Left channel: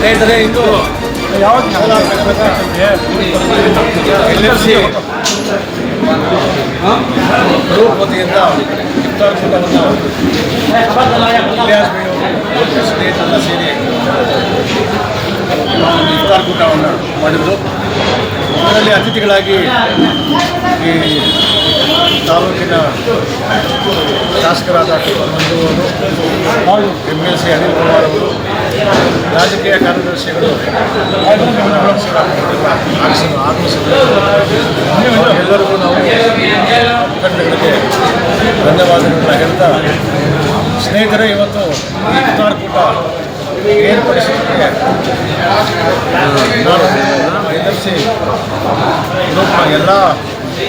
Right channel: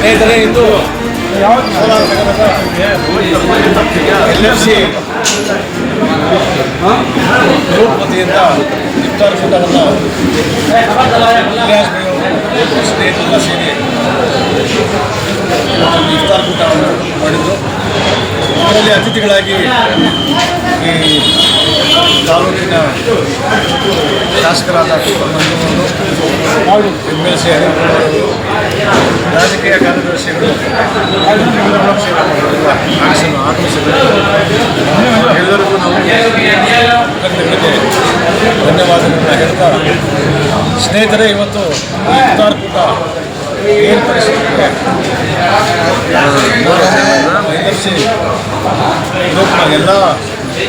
ಸ್ನೇಹಿತರೆ, ಇಂದು ಕೋಲಾರ ನಗರದ LFC group ವತಿಯಿಂದ ಇಫ್ತಾರ್ ಕೂಟವನ್ನು ಇಲಿಯಾಸ್ ಬೈ ಅವರು ಸ್ನೇಹಿತರೆಲ್ಲ ಸೇರಿ ಇಫ್ತಾರ್ ಕೂಟವನ್ನು ಮಾಡಿದ್ದು. ಇದರಲ್ಲಿ ಅತಿಥಿಗಳಾಗಿ ಈ ತಾಲೂಕಿನ ಶಾಸಕರಾದ ಮಂಜು ಅವರು, MLC ಅನಿಲ್ ಕುಮಾರ್ ಅವರು, ರಾಜಕೀಯ ಕಾರ್ಯದರ್ಶಿಗಳು ಎಲ್ಲರಿಗೂ ನಾವು ಮುಖಂಡರಿಗೆ ಧನ್ಯವಾದಗಳನ್ನ ಹೇಳ್ತಾ, ಸ್ನೇಹಿತರೆ, ಇವತ್ತು ಇಫ್ತಾರ್ ಕೂಟ ಏರ್ಪಡಿಸೋದಕ್ಕೆ LFC ಗ್ರೂಪ್ನ ಎಲ್ಲ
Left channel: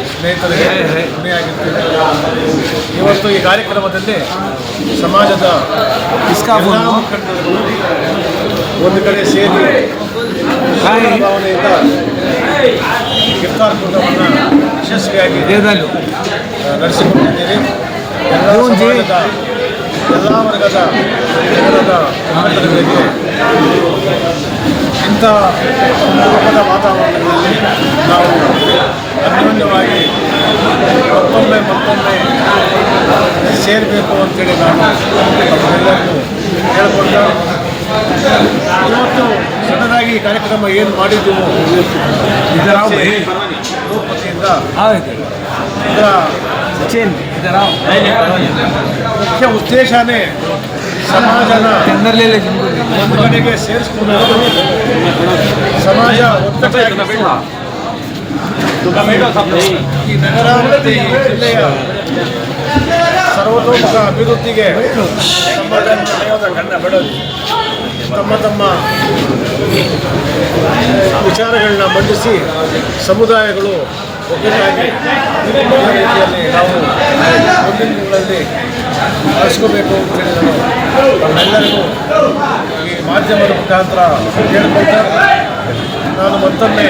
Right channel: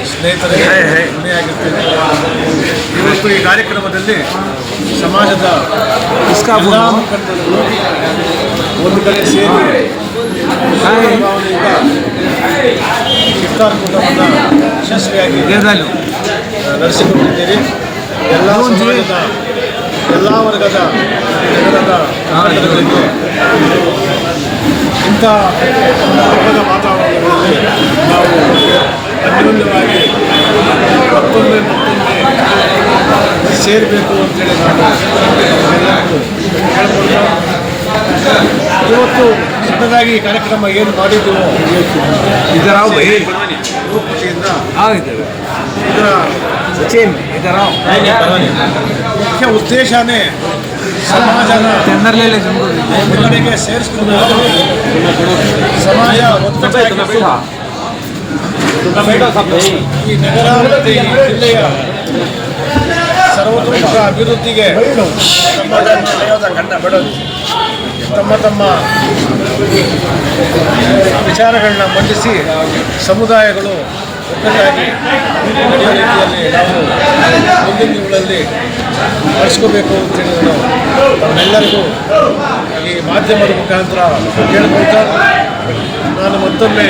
ಸ್ನೇಹಿತರಿಗೆ ಋಣಿಯಾಗಿರ್ತೀವಿ. ಇವತ್ತು ಈ ಕಾರ್ಯಕ್ರಮದಲ್ಲಿ ಸಮಾಜದ ಎಲ್ಲ ಮುಖಂಡರು ಒಂದು ಕಡೆ ಸೇರಿ ಭಾವನೆಯಿಂದ ಇಫ್ತಾರ್ ಕೂಟವನ್ನು ಯಶಸ್ವಿಯಾಗಿ ನಡೆಸಿಕೊಂಡಿದ್ದೀರಿ. ಎಲ್ಲ ಸಮಾಜದ ಎಲ್ಲ ವರ್ಗದ ಜನರದ ಮುಖಂಡರುಗಳಿಗೆ ಇಂಥ ರೂಪದ ವಾತಾವರಣದಲ್ಲಿ ನಾವು ಅನ್ಯೋನ್ಯವಾಗಿ ಮತ್ತೊಮ್ಮೆ ಸೇರಬೇಕು ಅಂತೇಳಿ ನಾನು ಎಲ್ಲರಿಗೂ ಹೇಳ್ಕೊಳ್ತಾ, ಇವತ್ತು ಸಣ್ಣದಾಗಿ ಕಾರ್ಯಕ್ರಮ ಏನು ಮಾಡಿದ್ದೀವೋ ಇದರ ಮುಖ್ಯ ಉದ್ದೇಶನೇ ಸಮಾಜನ ಒಂದು ಕಡೆಗೆ ಸೇರಿಸ್ಕೊಂಡು ಸಮಾಜ ಒತ್ತಡಾಗಿದ್ದು ಈ ನಗರ ಮತ್ತು ಈ ಜಿಲ್ಲೆಯ ಸರ್ವತೋಮುಖ ಅಭಿವೃದ್ಧಿಗೆ ತಮ್ಮ ವಿಚಾರಗಳನ್ನ ಮಂಡಿಸಿ ಸಮುದಾಯಗಳು ಒಗ್ಗಟ್ಟಾಗಿ ನಡೆಯುವ ರೀತಿಯಲ್ಲಿ ನಾವು ಮುಂದಿನ ದಿನಗಳಲ್ಲಿ ಬಳಸ್ಕೋಬೇಕು ಅಂತೇಳಿ ನಾನು ನಮ್ಮೆಲ್ಲರಿಗೂ ಈ ಮಾಧ್ಯಮದ ಮುಖಾಂತರ ಕೇಳ್ಕೊಳ್ತಾ, ನಾನು ಮತ್ತೊಮ್ಮೆ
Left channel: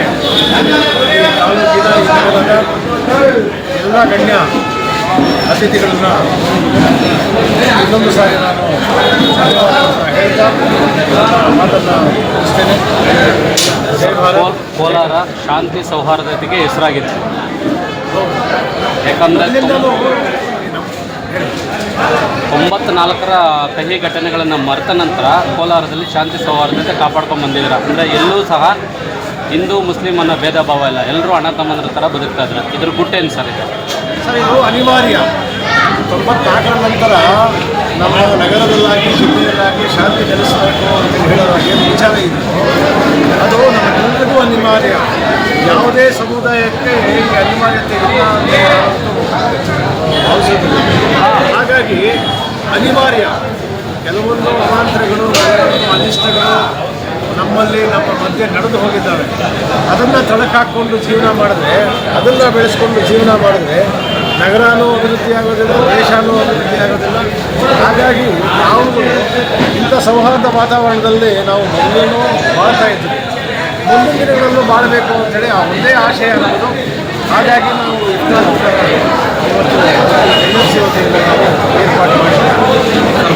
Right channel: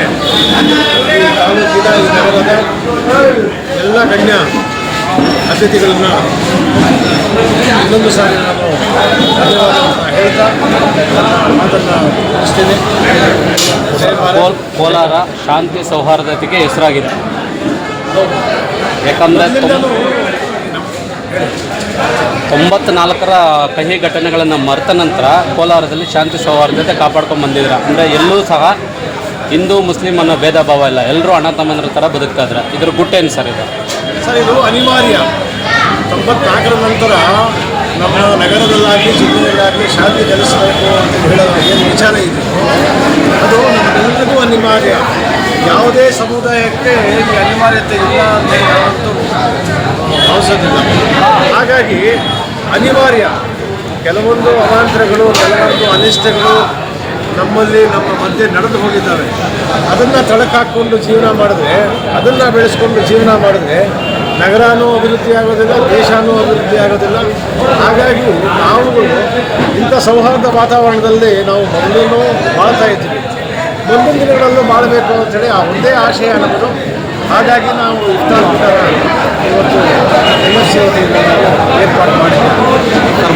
ಈ ತಾಲೂಕಿನ ಈ ನಗರದ ಎಲ್ಲ ಗಣ್ಯ ಅತಿಥಿಗಳನ್ನು ಇನ್ನೊಂದು ಸಾರಿ ನಾನು ಧನ್ಯವಾದಗಳನ್ನು ಹೇಳ್ತಾ ಮಾತನ್ನು ಮುಗಿಸ್ತೇನೆ. ಜೈ ಭಾರತ್. ಕೋಲಾರ ಶಾಂತಿ ಸೌಹಾರ್ದತೆಗೆ ಹೆಸರಾಗಿತ್ತು. ಯಾಕಂದರೆ 94ರ ಕಹಿ ಘಟನೆಗಳನ್ನು ಮರೆತ ನಂತರ ಕೋಲಾರದಲ್ಲಿ ಶಾಂತಿ ಸೌಹಾರ್ದತೆ ಕಾಪಾಡ್ಕೊಂಡು ಬಂದಿದ್ರು. ಅಂದರೆ ಎಲ್ಲೂ ಸಹ ಹಿಂದೂ ಮುಸ್ಲಿಂ ಅನ್ನೋ ಭೇದ ಭಾವ ಇಲ್ಲ, ಎಲ್ಲರೂ ಅಣ್ಣ ತಮ್ಮಂದ್ರ ಥರ ಬದುಕ್ತಾ ಇದ್ರು. ಇದ್ರ ಗುಟ್ಟೇನು ಸರ್ ಇದು? ಸರ್, ಇದು ಅನಿವಾರ್ಯ. 94ರ ನಂತರ ನಮ್ಮ ನಗರದಲ್ಲಾಗಲಿ ಜಿಲ್ಲೆಯಲ್ಲಾಗಲಿ ಶಾಂತಿ ನೆಲೆಸಬೇಕು ಅಂತ ಹೇಳೋ ಏನು ವಿಚಾರ ಇದೆ, ಅದು ನಮಗೆಲ್ಲರಿಗೂ ಅನಿವಾರ್ಯ. ಯಾವುದೇ ಸಮುದಾಯಕ್ಕೆ ಈ ಅನಿವಾರ್ಯತೆ ಇಲ್ಲ ಅಂತ ನಾವಂತೂ ಭಾವಿಸೋದಿಲ್ಲ. ಹಾಗಾಗಿ ಅನಿವಾರ್ಯ. ಕೆಲವೊಂದು ಅವಾಂತರಗಳು, ಕೆಲವೊಂದು ಅನಿಷ್ಟಗಳು ನಮ್ಮಲ್ಲಿ ನಮ್ಮ ಮಧ್ಯೆ ನಡೆದು ಹೋಗಿದ್ದಾವೆ. ಅದನ್ನು ತಳಕಾಕ್ಕೊಂಡು ಜೀವನ ಮಾಡಿದ್ರೆ, ಅದನ್ನು ಬೆಳೆಸ್ಕೊಂಡು ಜೀವನ ಮಾಡಿದ್ರೆ ನಗರನೂ ಅಭಿವೃದ್ಧಿ ಆಗೋದಿಲ್ಲ, ದೇಶನೂ ಅಭಿವೃದ್ಧಿ ಆಗೋದಿಲ್ಲ. ಹಾಗಾಗಿ ನಾವುಗಳು ಇಂಥ ಸೌಹಾರ್ದ ವಾತಾವರಣದಲ್ಲಿ ನಾವು ಮೊದಲೂ ಬಾಳ್ತಾ ಇದ್ವಿ, ಮುಂದಿನ ದಿನಗಳಲ್ಲೂ ಬಾಳಬೇಕು ಅಂತೇಳಿ ಆ ಒಂದೇ ಆಶಯ ನಮ್ಮದು. ಹಾಗಾಗಿ ನಾವು ಇಫ್ತಾರ್ ಕೂಟನ ಇವತ್ತು LFC ವತಿಯಿಂದ ನಾವು ಏರ್ಪಾಡು ಮಾಡಿದ್ದೇವೆ.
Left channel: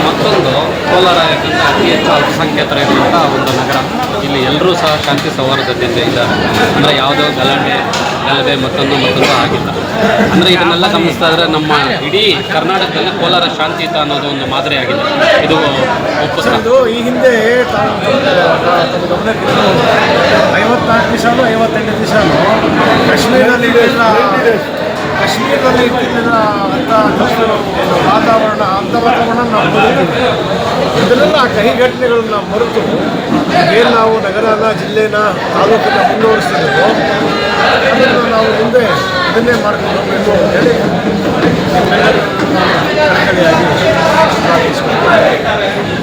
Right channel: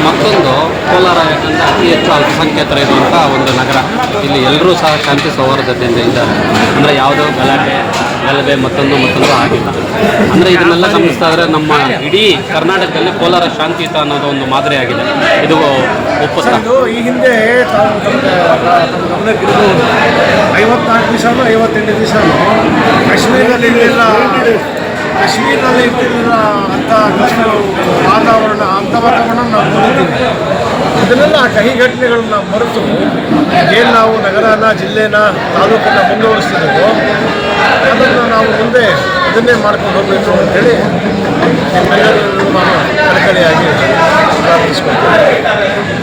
ಮತ್ತೊಂದು ಕೋಲಾರ ಯಾಕಂದರೆ ಅತಿ ಹೆಚ್ಚು ಅಲ್ಪಸಂಖ್ಯಾತರ ಇರುವಂಥ ಒಂದು ನಗರ. ಇಲ್ಲಿ ಎಲ್ಲರೂ ಸಹ ಶಾಂತಿ ಸೌಹಾರ್ದತೆಯಿಂದ ಇದ್ದಾರೆ. ಅಂದರೆ ಯಾವುದೇ ಗಲಭೆ ಮತ್ತೊಂದು ಆಗಿಲ್ಲ. ಅಂದರೆ ಇದನ್ನೆಲ್ಲ ಗಮನಿಸ್ತಾ ಇದ್ದರೆ ನಮ್ಮ ಇಡೀ ಕರ್ನಾಟಕದಲ್ಲಿ ಕೋಲಾರ ಶಾಂತಿಯುತ ಅನ್ನೋದು ಒಂದು ಮಾದರಿ ಆಗಿದೆ. ಇದು ಇದು ಈ ಹಿಂದೆ ತಮ್ಮ ಗಮನಕ್ಕಿರ್ಬೋದು, 54 ದಿವಸನೂ 58 ದಿವಸನೂ ಕಾಶ್ಮೀರಲ್ಲಿ ಇರ್ತಿದ್ದಿಲ್ಲ ಅಂಥ ವಾತಾವರಣ ನಾವು ನೋಡಿದ್ದೀವಿ. ಇದನ್ನೆಲ್ಲ ಕಹಿ ಘಟನೆಗಳನ್ನ ಮರೆತು ಏನು ನಾವು ನಗರನ, ಜಿಲ್ಲೆನ, ತಾಲೂಕನ್ನು ಮುಂದುವರಿಸ್ತಿರೋದು, ಅದನ್ನು ನಾವು ಮುಂದೆ ಅದನ್ನೇ ಮಾಡ್ಕೊಂಡು ಹೋಗಬೇಕು ಅಂತೇಳಿ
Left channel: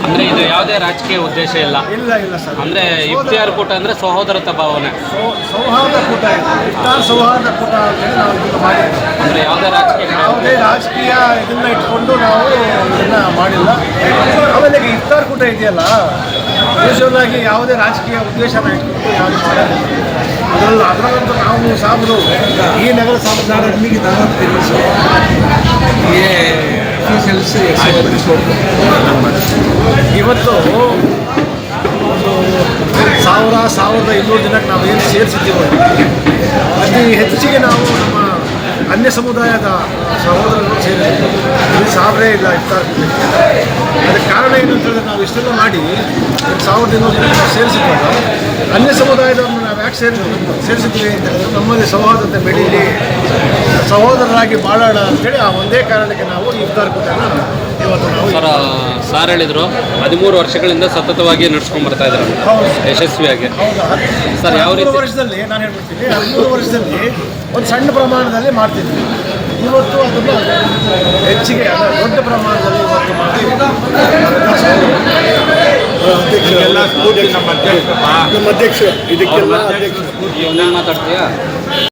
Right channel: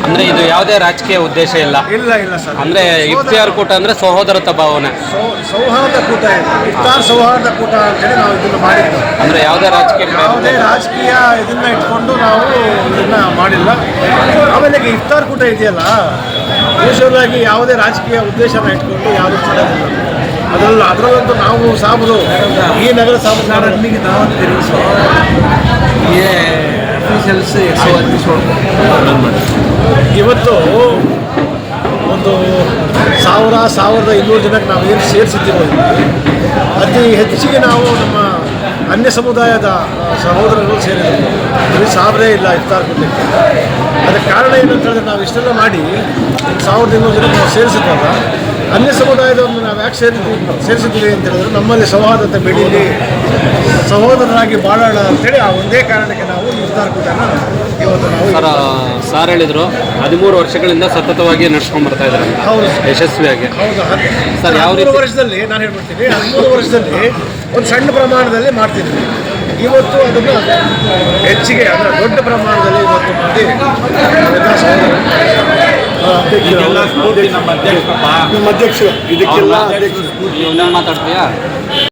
ಅಂದರೆ ಇದು ಯಾವುದೇ ರಾಜಕೀಯ ಉದ್ದೇಶ ಇಲ್ಲ ಸರ್. ಅಂದರೆ ಇಫ್ತಾರ್ ಕೂಟ ಅಂದರೆ ಸಹೋದರತ ಭಾವನೆ, ಸೌಹಾರ್ದ ಕೂಟ ಇದೆ. ಇಫ್ತಾರ್ ಸೌಹಾರ್ದ ಕೂಟ ಅಂತೇಳಿ ನಾವು ಇದನ್ನು ಮಾಡಿದ್ದು. ಅಂದರೆ ಯಾವುದೇ ರಾಜಕೀಯ ಇದನ್ನು ಇಟ್ಕೊಂಡು ನಾವು ಇದನ್ನು ಮಾಡಿಲ್ಲ. ಆಮೇಲೆ ಇಫ್ತಾರ್ ಕೂಟ ಇದೆಯಲ್ಲ, ಯೂಶುವಲ್ ಆಗಿ ಯಾವುದೇ ರಾಜಕೀಯ ಉದ್ದೇಶನ ಇಟ್ಕೊಂಡು ಯಾವುದು ಮಾಡೋದಿಲ್ಲ. ಅದರಲ್ಲಂತೂ ನಾವು ಸಾಬರು ಈ ನಗರ ಸಾಬರಿಗೆ ಇವತ್ತು ಒಂದು 1,200 ಜನಕ್ಕೆ ನಾವು ಏನು ಸೇರಿಸಿದ್ದೀವೋ ಅತಿ ಹೆಚ್ಚಿಗೆ ನಾವು ನಮ್ಮ ಅನ್ಯ ಸಮುದಾಯದ ಸಹೋದರರು ಸೇರಿದ್ದೀವಿ. ಇದು 1,000 ಇಲ್ಲ ಇರ್ತಾರೆ. ಅದಕ್ಕೆ ಕಾರಣ ಏನು ಅಂತಂದರೆ ನಾವು ಇಷ್ಟೆಲ್ಲ ಮಾಡಿ 1,200 ಜನಕ್ಕೆ ನಾವು ಸೇರಿಸಿದಾಗ ಅನ್ಯ ಸಮುದಾಯದವನ್ನು ನಾವು ಯಾಕೆ ಸೇರಿಸಿದ್ದೀವಿ ಅಂತ ಹೇಳಿದ್ರೆ ನಮ್ಮಲ್ಲಿ ಸೌಹಾರ್ದತೆ ಬೆಳೀಲಿ, ಸಹೋದರರಾಗಿ ಬಾಳೋಣ ಅಂತೇಳಿ ಆ ಒಂದೇ ಕಾರಣಕ್ಕೆ ನಾವು ಇಫ್ತಾರ್ ಕೂಟನ ಸರ್ ಹೇಳಿದ್ರು 13 ವರ್ಷಗಳಿಂದ ಸತತವಾಗಿ ನಡ್ಸ್ಕೊಂಡು ಬರ್ತಾ ಇದ್ದಾರೆ ಹೌದು ಯಶಸ್ವಿಯಾಗಿ. ಹೌದಾ ಸರ್, ಯಾವ 13 ವರ್ಷದಲ್ಲಿ ನಾನು ಹೇಳ್ಬಿಡ್ತೀನಿ, 13 ವರ್ಷದಲ್ಲಿ ಒಂದು ಸಣ್ಣ ಪ್ರಮಾಣದಲ್ಲಿ ಮಾಡ್ತಿದ್ವಿ. ಇವತ್ತು ಅದನ್ನು ಹೆಚ್ಚಿಗೆ ದೊಡ್ಡ ಪ್ರಮಾಣದಲ್ಲಿ ಇವತ್ತು ಮಾಡಿ ನಮ್ಮ ಅಧ್ಯಕ್ಷ ಇದಕ್ಕೆಲ್ಲ ಮಾತಾಡ್ತೀಯಾ?